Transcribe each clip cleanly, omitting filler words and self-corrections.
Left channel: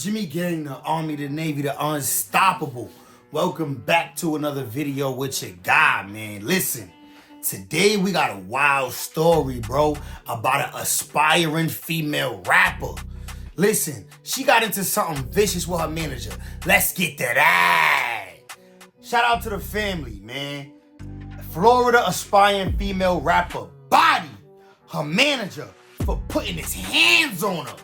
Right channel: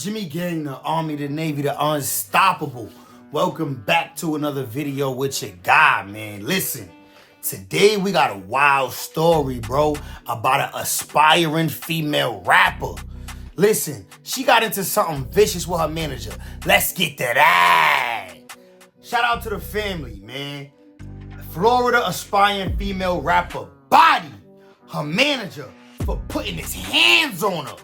Jimmy Gang, the Army, the Navy, the Unstoppable. Welcome back to another video with your guy, man. Listen, today we got a wild story, bro, about an aspiring female rapper. Listen, she got into something vicious with her manager. Let's get that eye. Shout out to the family, man. Florida aspiring female rapper body her manager for putting his hands on her.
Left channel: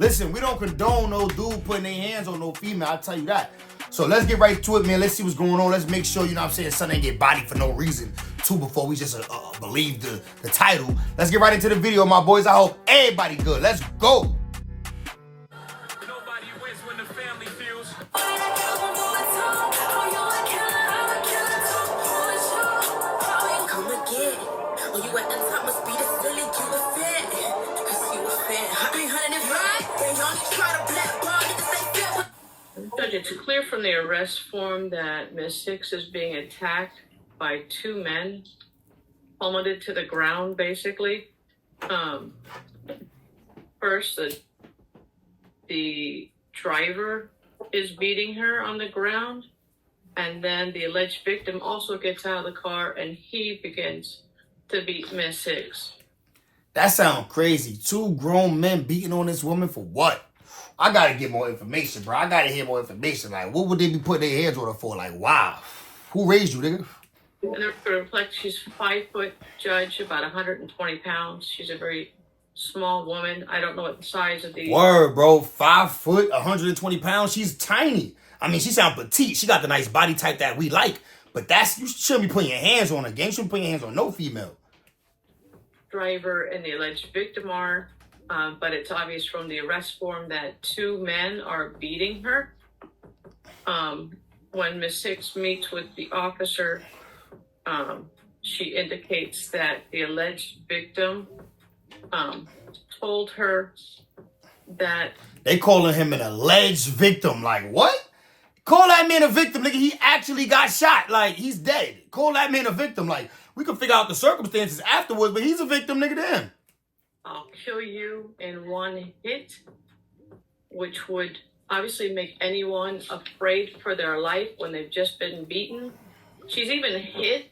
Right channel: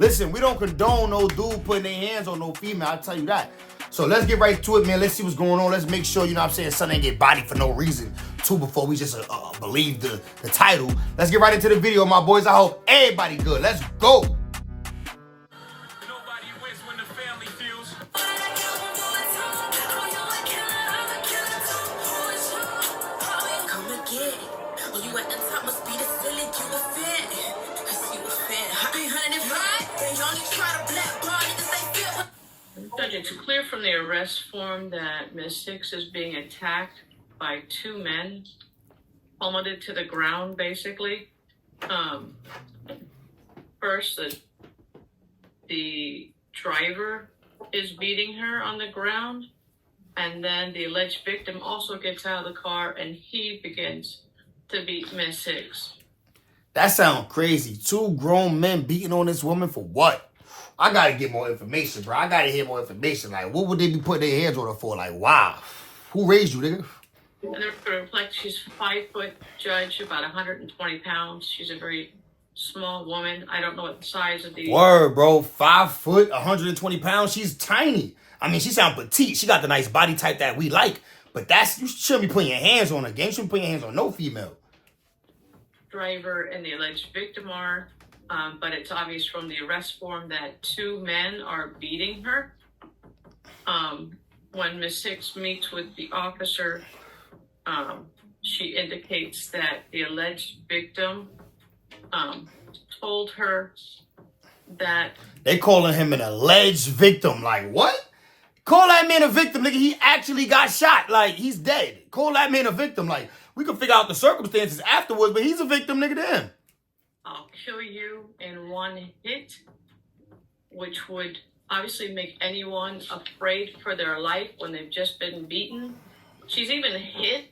Listen, we don't condone no dude putting their hands on no female, I'll tell you that. So let's get right to it, man. Let's see what's going on. Let's make sure, you know what I'm saying, son ain't get bodied for no reason, too, before we just believe the title. Let's get right into the video, my boys. I hope everybody good. Let's go. Judge, it's clear from the arrest form that Ms. Six is being attacked by two men, plummeted to the ground, basically. First, the driver is beating her on the ground, and then the alleged victim also gets out of the car, and he begins to beat Ms. Six. That sounds crazy. Two grown men beating on this woman for what? I gotta get more information, bro. I gotta hear more information. Like, what would they be putting their hands on her for? Like, wow. Who raised you, nigga? And to reflect, she's 5 foot, Judge, about 120 pounds. She's a very small woman. I don't know what the size of the... Word, bro. 5 foot, 120 pounds. She's tiny. I mean, she sound petite. She got the nice body type that we like. But you shouldn't be putting your hands on her, gang. You shouldn't put your hands on no female. Driver and the alleged victim are... but it's obvious from the arrest form that two men are beating her. When Ms. Six meets with the officer, she indicates that the alleged victim told her that... They calling him an alleged victim. Like, what? Call that man a victim, nigga. He actually got shot. Like, he's dead. Call that man a victim. Like, we can figure out the circumstances afterwards, but he's a victim, nigga, to him. I'll kill you in one hit, which would obviously make anyone afraid for their life when they've just been beaten. She's even hit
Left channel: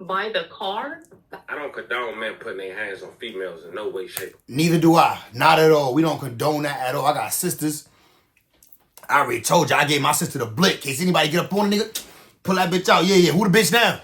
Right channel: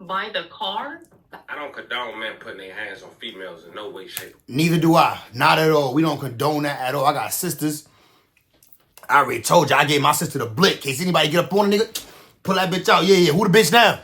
by the car. I don't condone men putting their hands on females in no way, shape. Neither do I. Not at all. We don't condone that at all. I got sisters. I already told you, I gave my sister the blick. In case anybody get up on a nigga, pull that bitch out. Yeah. Who the bitch now?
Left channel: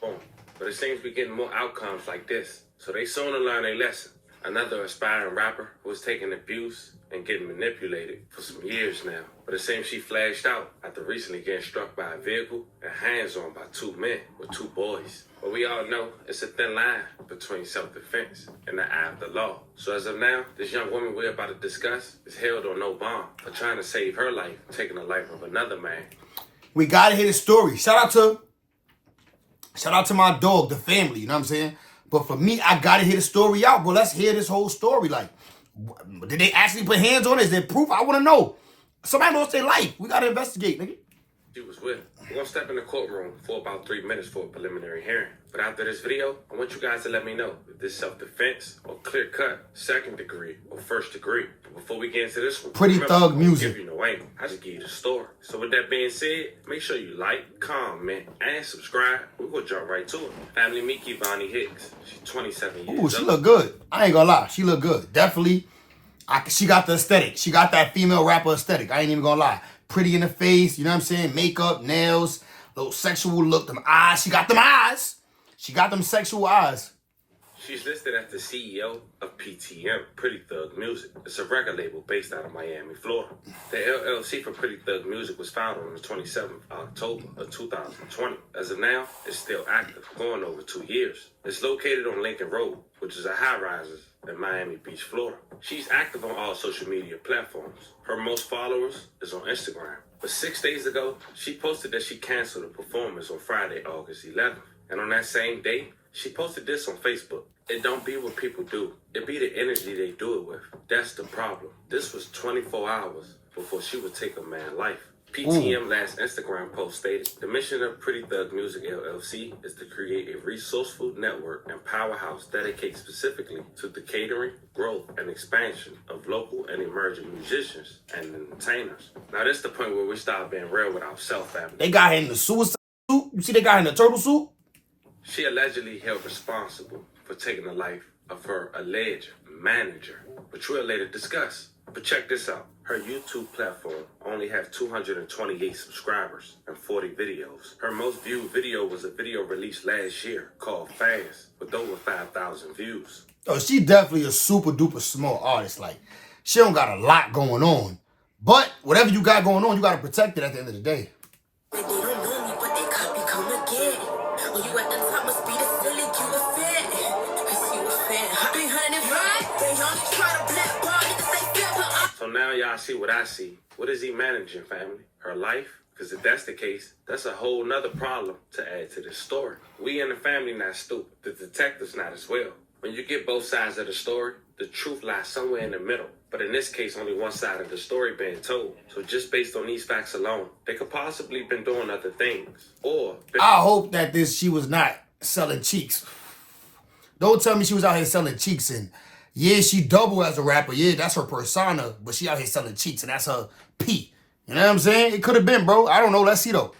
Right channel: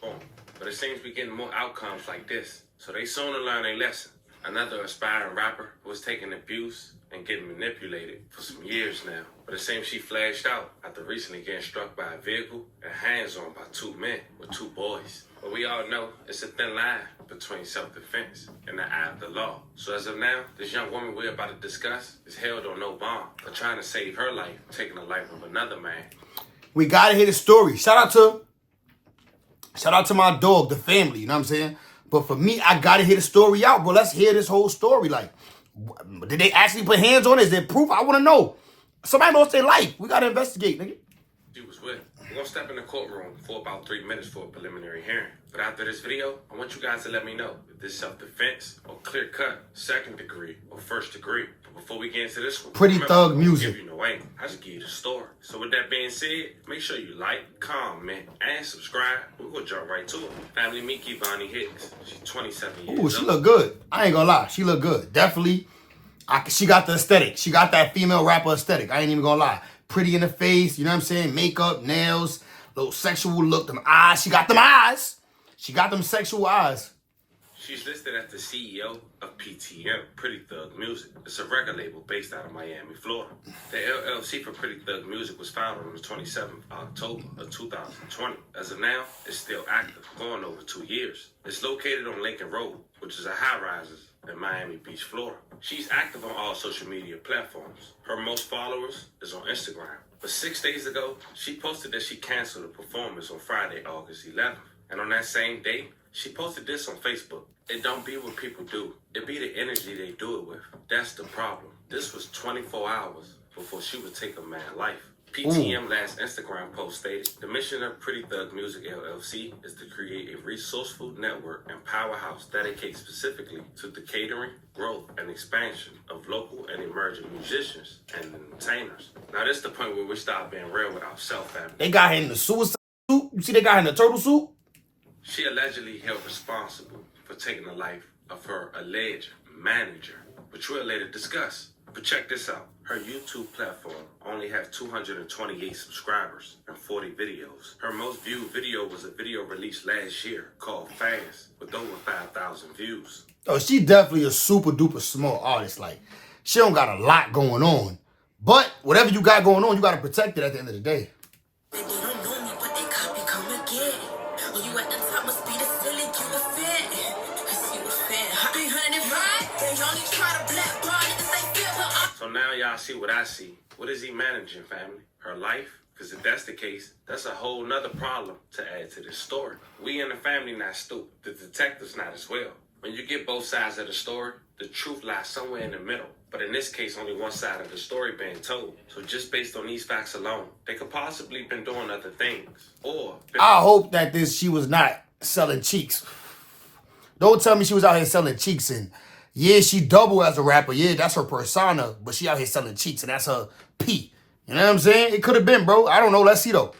Boom. But it seems we're getting more outcomes like this. So they soon to learn a lesson. Another aspiring rapper who was taking abuse and getting manipulated for some years now. But it seems she flashed out after recently getting struck by a vehicle and hands-on by two men with two boys. But we all know it's a thin line between self-defense and the eye of the law. So as of now, this young woman we're about to discuss is held on no bond for trying to save her life, taking the life of another man. We gotta hear the story. Shout out to my dog, the family, you know what I'm saying? But for me, I gotta hear the story out, bro. Let's hear this whole story. Like, did they actually put hands on it? Is there proof? I want to know. Somebody lost their life. We gotta investigate, nigga. She was with. We're gonna step in the courtroom for about 3 minutes for a preliminary hearing. But after this video, I want you guys to let me know if this self-defense or clear-cut, second degree or first degree. But before we get into this one, Pretty Thug Music. You know, I just give you the story. So with that being said, make sure you like, comment, and subscribe. We're gonna jump right to it. Family Miki Vonnie Hicks. She's 27 years old. Ooh, she look good. I ain't gonna lie. She look good. Definitely. She got the aesthetic. She got that female rapper aesthetic. I ain't even gonna lie. Pretty in the face, you know what I'm saying? Makeup, nails, little sexual look, them eyes. She got them eyes. She got them sexual eyes. She's listed as the CEO of PTM, Pretty Thug Music. It's a record label based out of Miami, Florida. The LLC for Pretty Thug Music was founded on the 27th of October of 2020. As of now, it's still active, going over 2 years. It's located on Lincoln Road, which is a high-rises in Miami Beach, Florida. She's active on all social media platforms. Her most followers is on Instagram. But 6 days ago, she posted that she canceled a performance on Friday, August 11th. And on that same day, she posted this on Facebook. It don't be what people do. It be the energy they do it with. That's the problem. This was 24 hours before she would take a man's life. PTM last Instagram post stated, the mission of Pretty Thug Music LLC is to create a resourceful network and powerhouse dedicated specifically to the catering, growth, and expansion of local and emerging musicians and entertainers. Now this is the point where we start being real with ourselves, family. They got her in the suicide suit. You see they got her in the turtle suit? She allegedly held responsible for taking the life of her alleged manager, which we'll later discuss. But check this out. Her YouTube platform only has 228 subscribers and 40 videos. Her most viewed video was a video released last year called Fast with over 5,000 views. Oh, she definitely a super duper small artist. Like, she don't got a lot going on. But whatever you got going on, you got to protect it at the end of the day. They don't know me, but they copy come again. When you at the top, must be the feeling you a fan. Cause you a fan. 300 right? They only try to blackball niggas they feel, but So now y'all see what I see. What is he managing, family? Her life? Because if that's the case, that's a whole nother problem to add to this story. We in the family not stupid. The detectives not as well. When you get both sides of the story, the truth lies somewhere in the middle. But in this case, only one side of the story being told. So just based on these facts alone, they could possibly been doing other things. Or I hope that she was not selling cheeks. Don't tell me she was out here selling cheeks. And yeah, she double as a rapper. Yeah, that's her persona. But she out here selling cheeks, and that's her P. You know what I'm saying? It could have been, bro. I don't know. Let's see, though.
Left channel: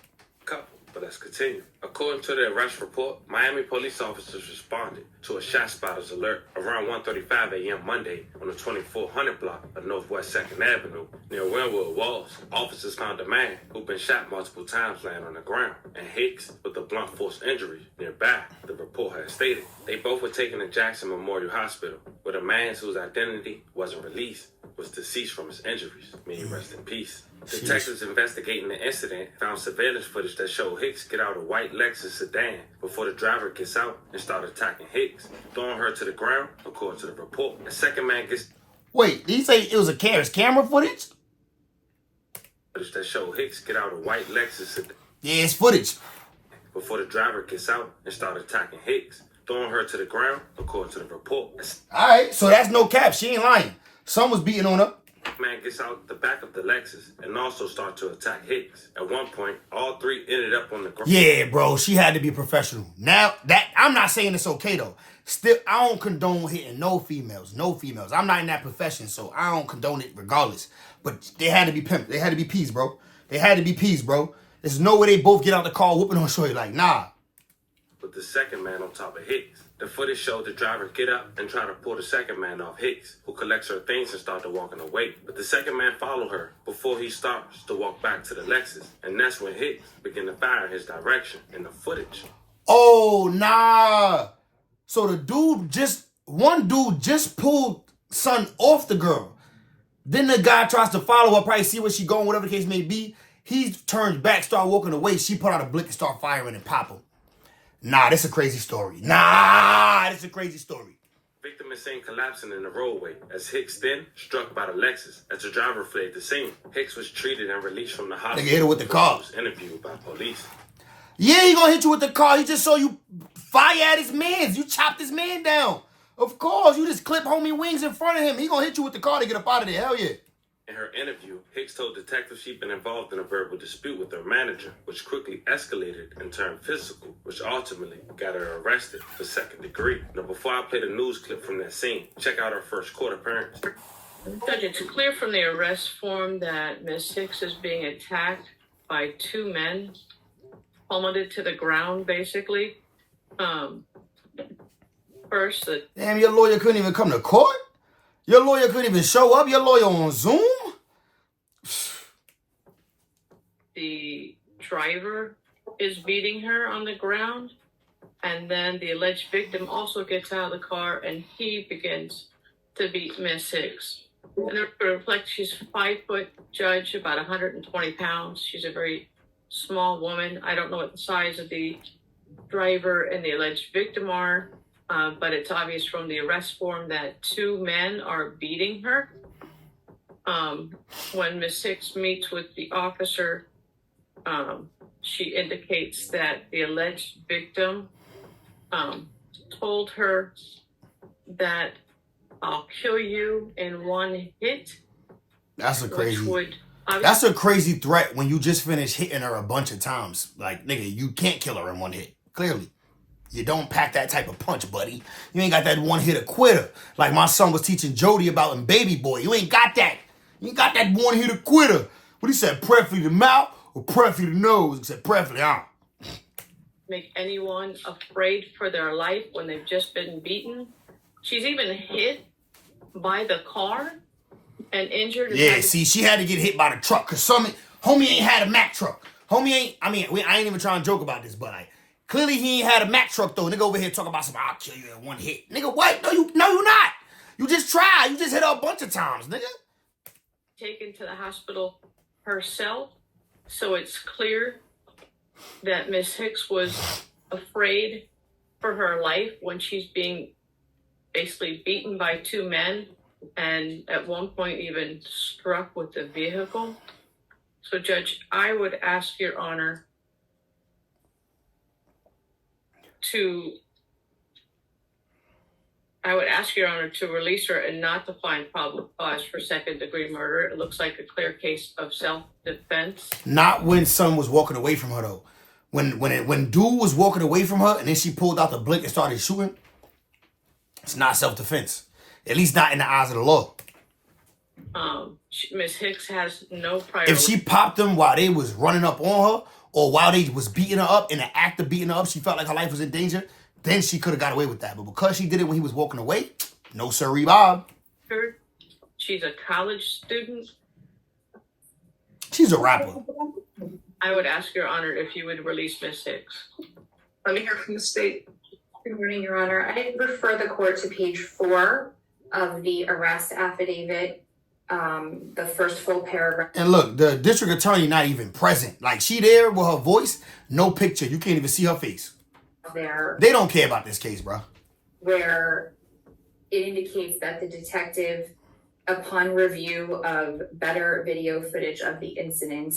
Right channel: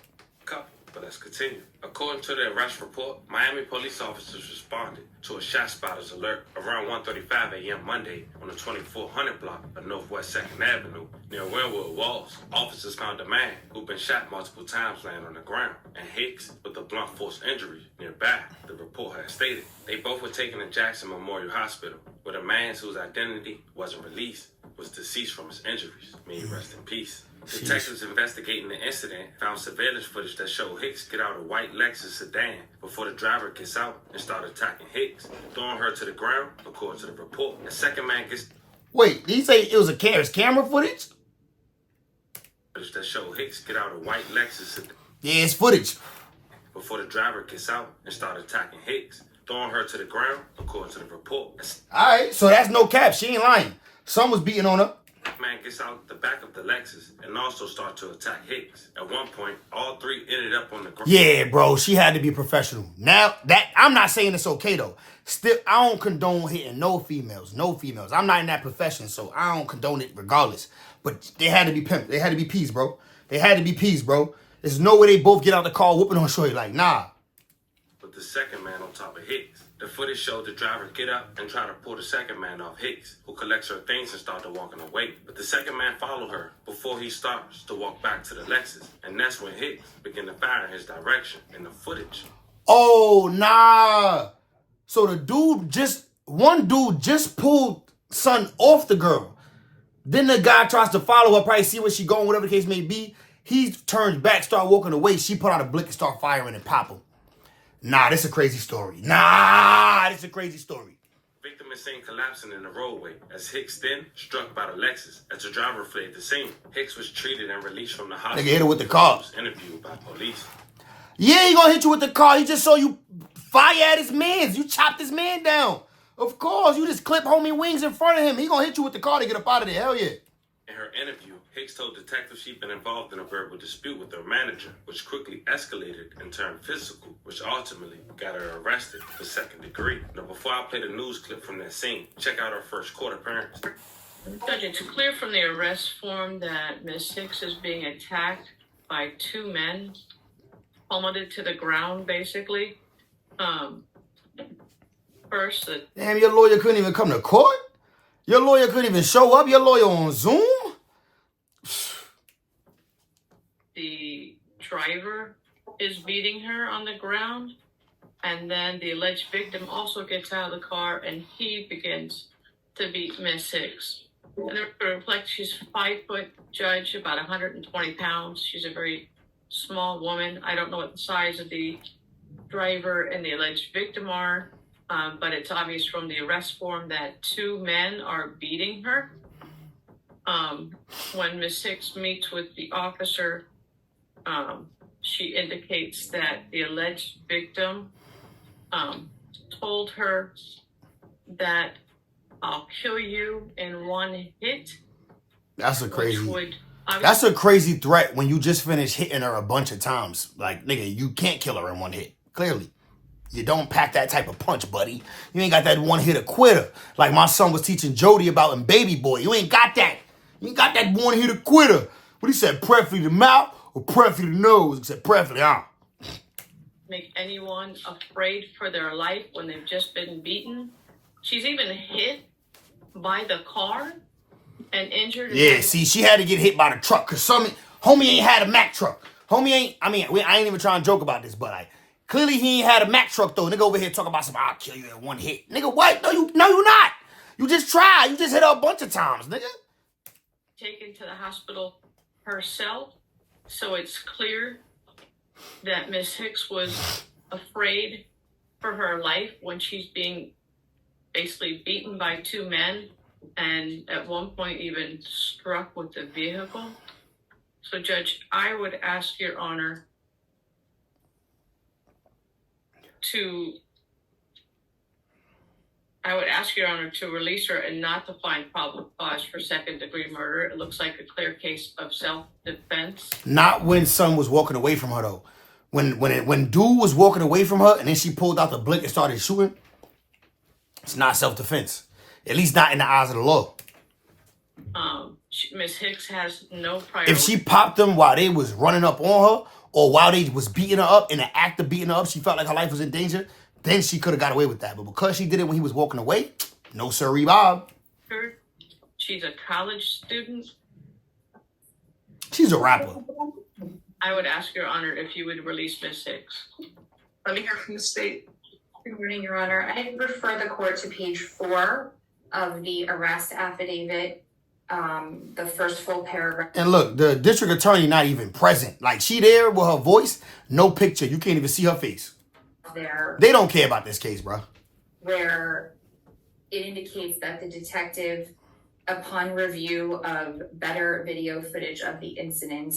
couple, but let's continue. According to the arrest report, Miami police officers responded to a shot spotters alert around 1:35 a.m. Monday on the 2400 block of Northwest 2nd Avenue near Wynwood Walls. Officers found a man who'd been shot multiple times laying on the ground, and Hicks with a blunt force injury nearby, the report had stated. They both were taken to Jackson Memorial Hospital, where the man whose identity wasn't released was deceased from his injuries. May he rest in peace. Detectives investigating the incident found surveillance footage that showed Hicks get out a white Lexus sedan before the driver gets out and start attacking Hicks, throwing her to the ground, according to the report. The second man gets... Wait, did he say it was a camera footage? that showed Hicks get out a white Lexus sedan Yeah, it's footage. before the driver gets out and start attacking Hicks, throwing her to the ground, according to the report. All right, so that's no cap. She ain't lying. Someone was beating on her. Man gets out the back of the Lexus and also start to attack Hicks. At one point, all three ended up on the ground. Yeah, bro, she had to be professional. Now, that I'm not saying it's okay, though. Still, I don't condone hitting no females. I'm not in that profession, so I don't condone it regardless. But they had to be pimped. They had to be peas, bro. There's no way they both get out the car whooping on shorty. Like, nah. With the second man on top of Hicks. The footage showed the driver get up and try to pull the second man off Hicks, who collects her things and started walking away. But the second man followed her before he starts to walk back to the Lexus. And that's when Hicks began to fire in his direction in the footage. Oh, nah. So one dude just pulled son off the girl. Then the guy tries to follow her, probably see where she going, whatever the case may be. He turns back, start walking away. She put out a blick and start firing and pop him. Nah, this is a crazy story. Victim is seen collapsing in the roadway as Hicks then struck by the Lexus as the driver fled the scene. Hicks was treated and released from the hospital. Nigga hit her with the car. He was interviewed by police. Yeah, he gonna hit you with the car. He just saw you fire at his mans. You chopped his man down. Of course, you just clip homie wings in front of him. He gonna hit you with the car to get up out of there. Hell yeah. In her interview, Hicks told detectives she'd been involved in a verbal dispute with her manager, which quickly escalated and turned physical, which ultimately got her arrested for second degree. Now, before I play the news clip from that scene, check out her first court appearance. Judge, it's clear from the arrest form that Ms. Hicks is being attacked by two men, plummeted to the ground, basically. First, Damn, your lawyer couldn't even come to court? Your lawyer couldn't even show up? Your lawyer on Zoom? the driver is beating her on the ground, and then the alleged victim also gets out of the car and he begins to beat Miss Hicks. And it reflects she's 5 foot, judge, about 120 pounds. She's a very small woman. I don't know what the size of the driver and the alleged victim are, but it's obvious from the arrest form that two men are beating her. When Miss Hicks meets with the officer, she indicates that the alleged victim told her that I'll kill you in one hit. That's a crazy. Which would That's a crazy threat when you just finished hitting her a bunch of times. Like, nigga, you can't kill her in one hit. Clearly. You don't pack that type of punch, buddy. You ain't got that one-hit quitter. Like my son was teaching Jody about in Baby Boy. You ain't got that. You ain't got that one-hit quitter. What he said, preferably the mouth or preferably the nose? He said, preferably, Make anyone afraid for their life when they've just been beaten. She's even hit by the car and injured. Yeah, see, she had to get hit by the truck because homie ain't had a Mack truck. Homie ain't, I ain't even trying to joke about this, but clearly he ain't had a Mack truck though. Nigga over here talking about I'll kill you in one hit. Nigga, what? No, you're not. You just tried. You just hit her a bunch of times, nigga. Taken to the hospital herself, so it's clear that Miss Hicks was afraid for her life when she's being basically beaten by two men and at one point even struck with the vehicle. So, Judge, I would ask Your Honor to release her and not to find probable cause for second-degree murder. It looks like a clear case of self-defense. Not when son was walking away from her, though. When dude was walking away from her and then she pulled out the blick and started shooting, it's not self-defense. At least not in the eyes of the law. Miss Hicks has no priority. If she popped them while they was running up on her or while they was beating her up, in the act of beating her up, she felt like her life was in danger, then she could have got away with that. But because she did it when he was walking away, no sirree, Bob. She's a college student. She's a rapper. I would ask Your Honor if you would release Miss Hicks. Let me hear from the state. Good morning, Your Honor. I refer the court to page 4 of the arrest affidavit, the first full paragraph. And look, the district attorney not even present. Like, she there with her voice, no picture. You can't even see her face. There, they don't care about this case, bro. Where it indicates that the detective, upon review of better video footage of the incident,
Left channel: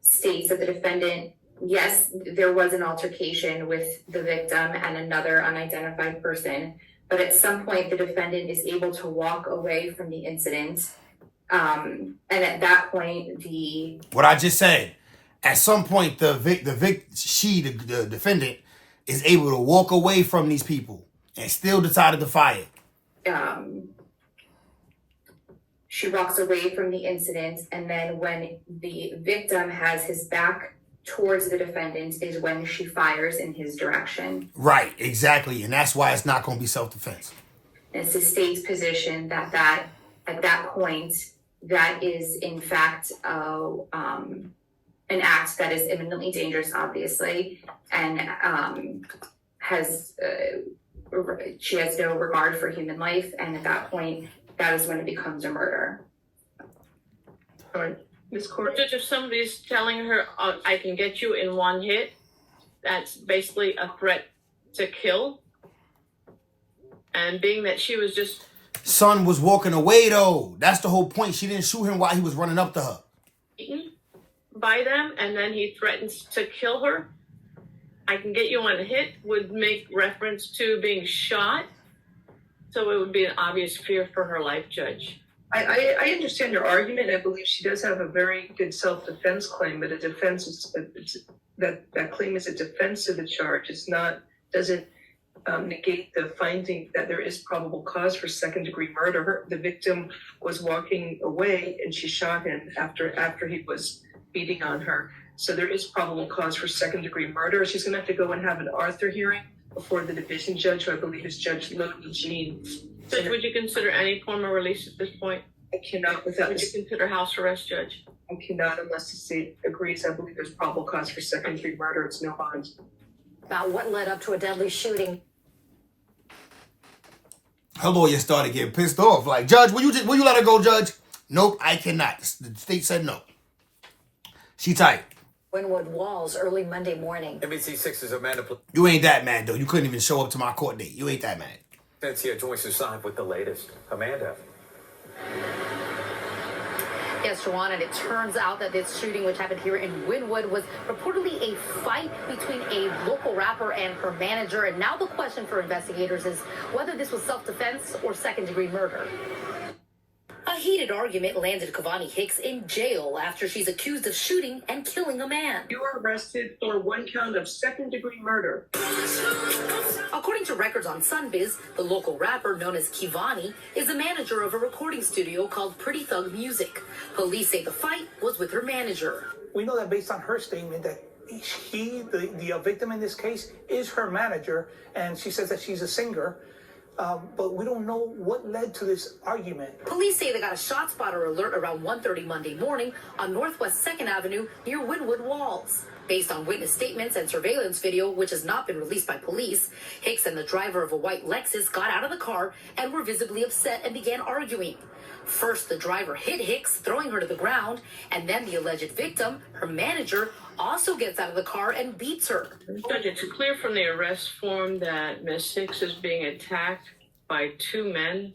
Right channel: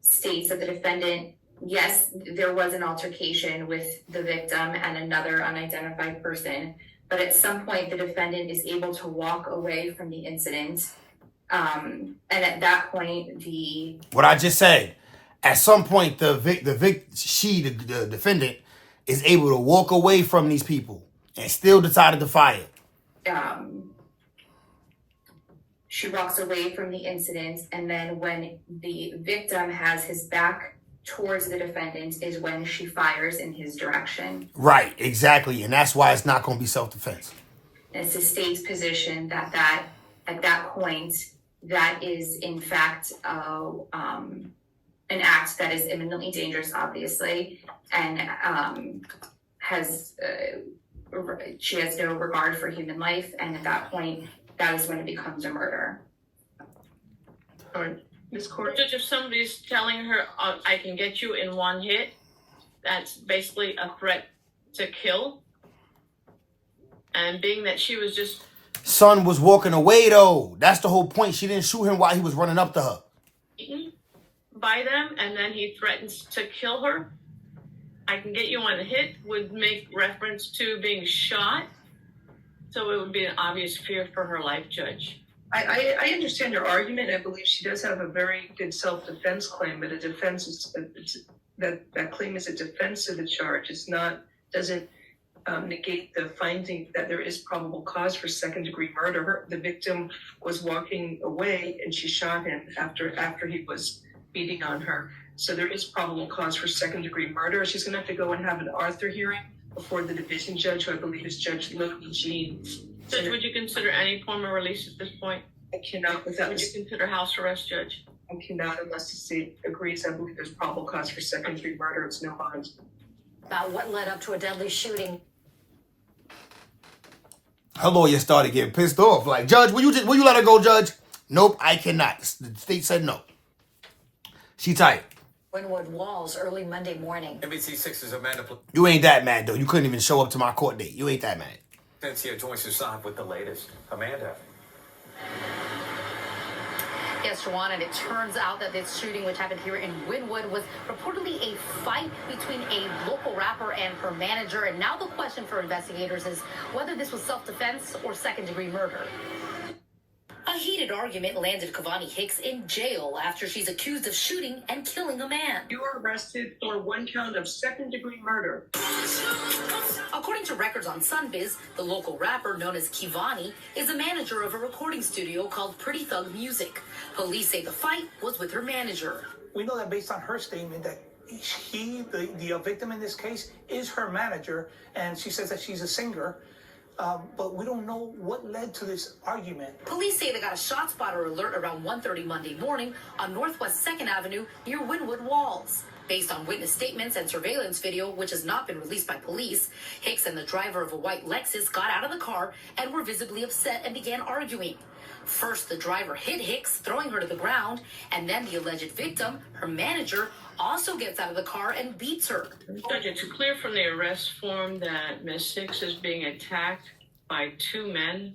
states that the defendant, yes, there was an altercation with the victim and another unidentified person, but at some point the defendant is able to walk away from the incident. And at that point, what I just said, at some point the defendant is able to walk away from these people and still decided to fire. She walks away from the incident, and then when the victim has his back towards the defendant is when she fires in his direction. Right, exactly. And that's why it's not going to be self-defense. And it's the state's position that at that point, that is in fact an act that is imminently dangerous, obviously, and she has no regard for human life, and at that point, that is when it becomes a murder. Ms. Court. Judge, if somebody's telling her, I can get you in one hit, that's basically a threat to kill. And being that she was just... Son was walking away, though. That's the whole point. She didn't shoot him while he was running up to her. Beaten by them, and then he threatens to kill her. I can get you on a hit would make reference to being shot. So it would be an obvious fear for her life, Judge. I understand your argument. I believe she does have a very good self-defense claim, but a defense is that claim is a defense to the charge. Doesn't negate the finding that there is probable cause for second-degree murder. The victim was walking away, and she shot him after he was beating on her. So there is probable cause for second-degree murder. She's going to have to go and have an Arthur hearing before the division judge, who I believe is Judge Lily Jean. Judge, would you consider any form of release at this point? I cannot without... Would you consider house arrest, Judge? I cannot unless the state agrees. I believe there's probable cause for second-degree murder. It's no bond. About what led up to a deadly shooting. Her lawyer started getting pissed off. Like, Judge, will you let her go, Judge? Nope, I cannot. The state said no. She tight. Wynwood Walls early Monday morning. NBC6's Amanda. You ain't that mad, though. You couldn't even show up to my court date. You ain't that mad. Cynthia joins us live with the latest. Amanda. Yes, Juwan, and it turns out that this shooting, which happened here in Wynwood, was reportedly a fight between a local rapper and her manager. And now the question for investigators is whether this was self-defense or second-degree murder. I A heated argument landed Kavani Hicks in jail after she's accused of shooting and killing a man. You are arrested for one count of second-degree murder. According to records on Sunbiz, the local rapper known as Kivani is the manager of a recording studio called Pretty Thug Music. Police say the fight was with her manager. We know that based on her statement that the victim in this case, is her manager, and she says that she's a singer. But we don't know what led to this argument. Police say they got a shot spotter alert around 1:30 Monday morning on Northwest 2nd Avenue near Wynwood Walls. Based on witness statements and surveillance video, which has not been released by police, Hicks and the driver of a white Lexus got out of the car and were visibly upset and began arguing. First, the driver hit Hicks, throwing her to the ground, and then the alleged victim, her manager, also gets out of the car and beats her. Judge, it's clear from the arrest form that Miss Hicks is being attacked by two men,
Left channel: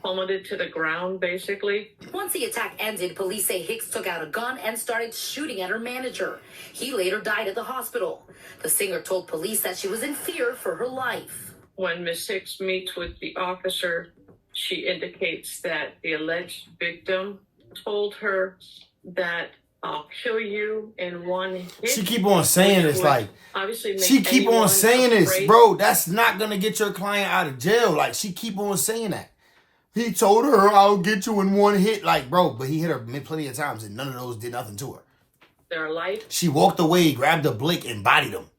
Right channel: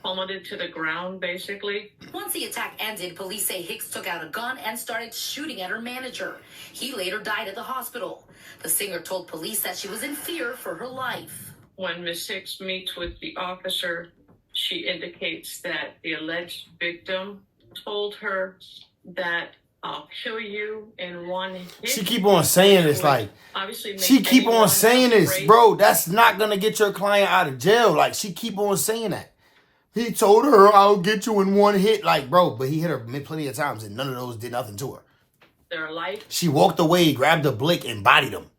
plummeted to the ground, basically. Once the attack ended, police say Hicks took out a gun and started shooting at her manager. He later died at the hospital. The singer told police that she was in fear for her life. When Miss Hicks meets with the officer, she indicates that the alleged victim told her that I'll kill you in one hit. She keep on saying this, like, obviously she keep on saying this, bro. That's not gonna get your client out of jail. Like, she keep on saying that. He told her, I'll get you in one hit. Like, bro, but he hit her plenty of times and none of those did nothing to her. Their life. She walked away, grabbed a blick, and bodied him.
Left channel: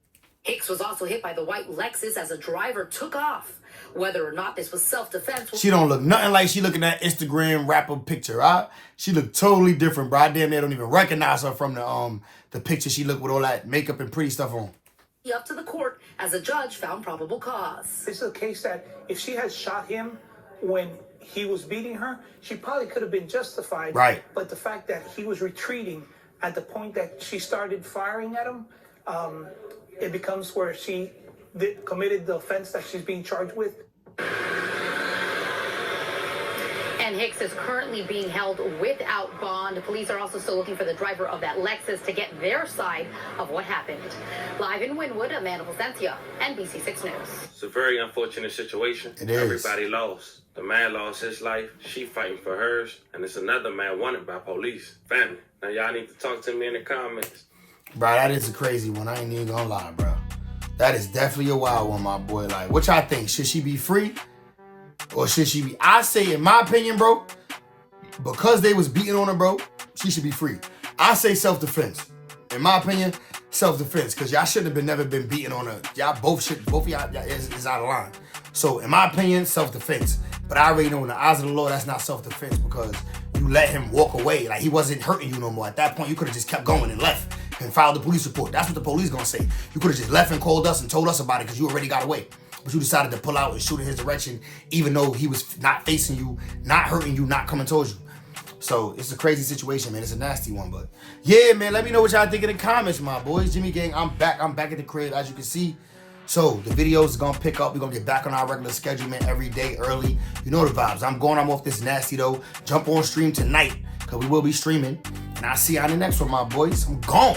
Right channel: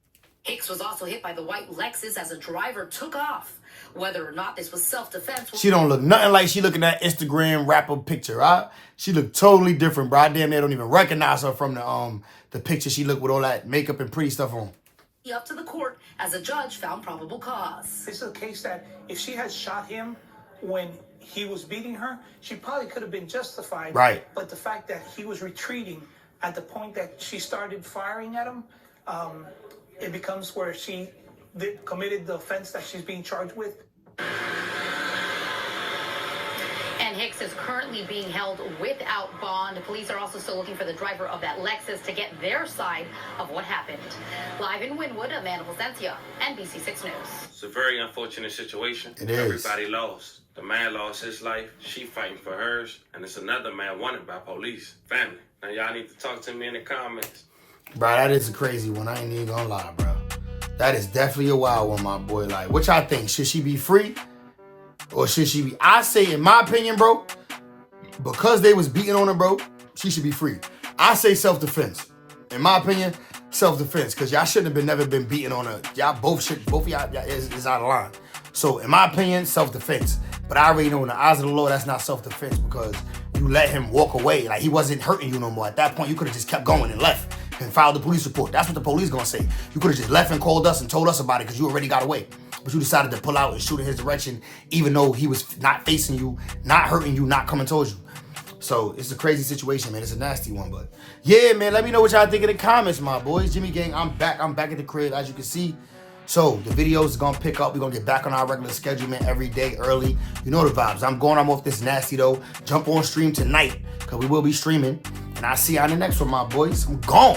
Hicks was also hit by the white Lexus as a driver took off. Whether or not this was self-defense... She don't look nothing like she looking at Instagram rapper picture, right? She look totally different, bro. I damn near don't even recognize her from the picture she looked with all that makeup and pretty stuff on. Up to the court as a judge found probable cause. This is a case that if she had shot him when he was beating her, she probably could have been justified. Right. But the fact that he was retreating at the point that she started firing at him, it becomes where she committed the offense that she's being charged with. And Hicks is currently being held without bond. Police are also still looking for the driver of that Lexus to get their side of what happened. Live in Wynwood, Amanda Placencia, NBC6 News. It's a very unfortunate situation. It is. Everybody lost. The man lost his life. She fighting for hers. And it's another man wanted by police. Family. Now y'all need to talk to me in the comments. Bro, that is a crazy one. I ain't even gonna lie, bro. That is definitely a wild one, my boy. Like, what y'all think? Should she be free? Or should she be... I say, in my opinion, bro, because they was beating on her, bro, she should be free. I say self-defense. In my opinion, self-defense. Because y'all shouldn't have never been beating on her. Y'all both of y'all is out of line. So, in my opinion, self-defense. But I already know in the eyes of the Lord, that's not self-defense because you let him walk away. Like, he wasn't hurting you no more. At that point, you could have just kept going and left and filed the police report. That's what the police gonna say. You could have just left and called us and told us about it because you already got away. But you decided to pull out and shoot in his direction even though he was not facing you, not hurting you, not coming towards you. So, it's a crazy situation, man. It's a nasty one, but yeah, man, let me know what y'all think in the comments, my boys. Jimmy Gang, I'm back at the crib, as you can see. So, the videos is going to pick up. We're going to get back on our regular schedule, man, every day early. You know the vibes. I'm off this nasty, though. Jump on stream tonight, because we will be streaming. And I'll see you on the next one, my boys. I'm gone.